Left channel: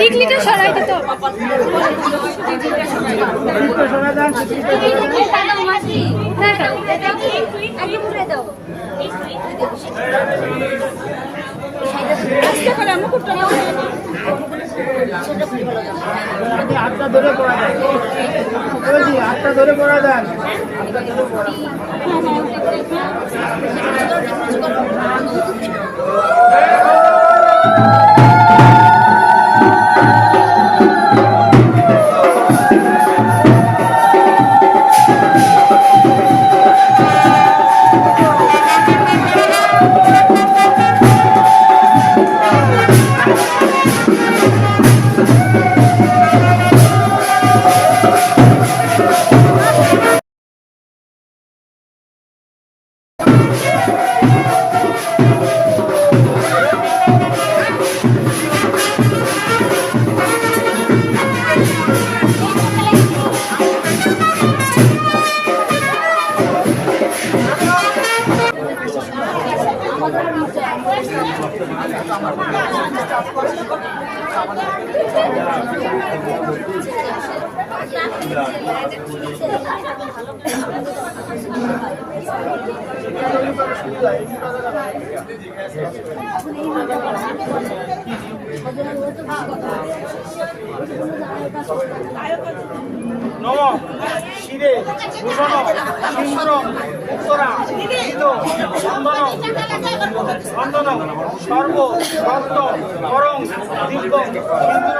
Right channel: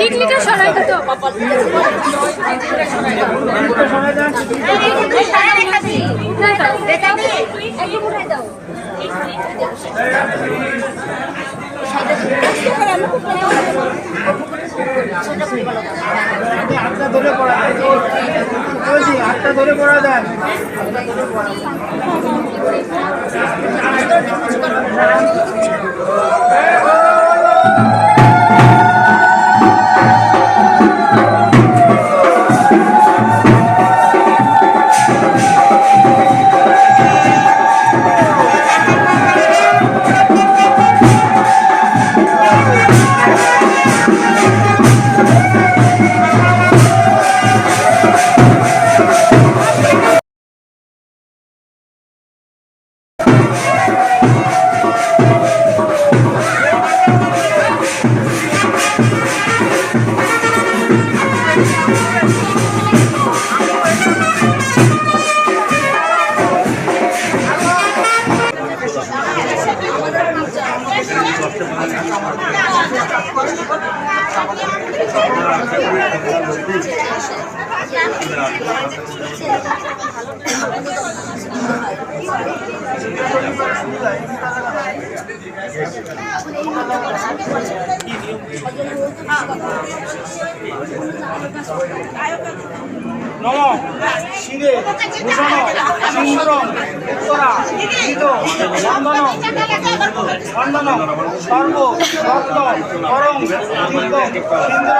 টিকলিটা সরাই দিত হাতটা ধরে পড়া দেন বলছি, হাতটা ধরে পড়া দেন, হাতটা ধরে পড়া নম শিরে ভূষণ সিংহরম উত্তরা গীত বন্দন বন্দন সর্ব রত্ন করং দীর্ঘ ইন্দ্র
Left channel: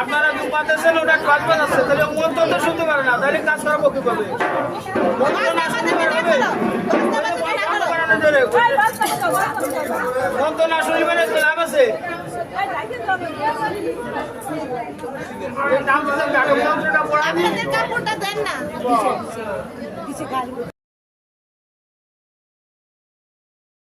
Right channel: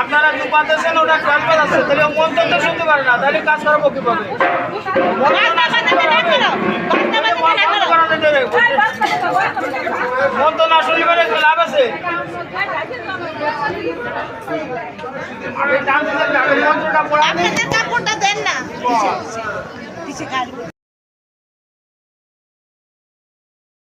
আপনারা দু পাতেছেন, ওটা কাজ বাজাচ্ছে, তাহলে মন্ত্র তো শুনতে পারে না, তাহলে কাজ করাবো কিভাবে? মন্ত্র না শুনবে লাভ আছে। মন্ত্রটা পড়া দেন না।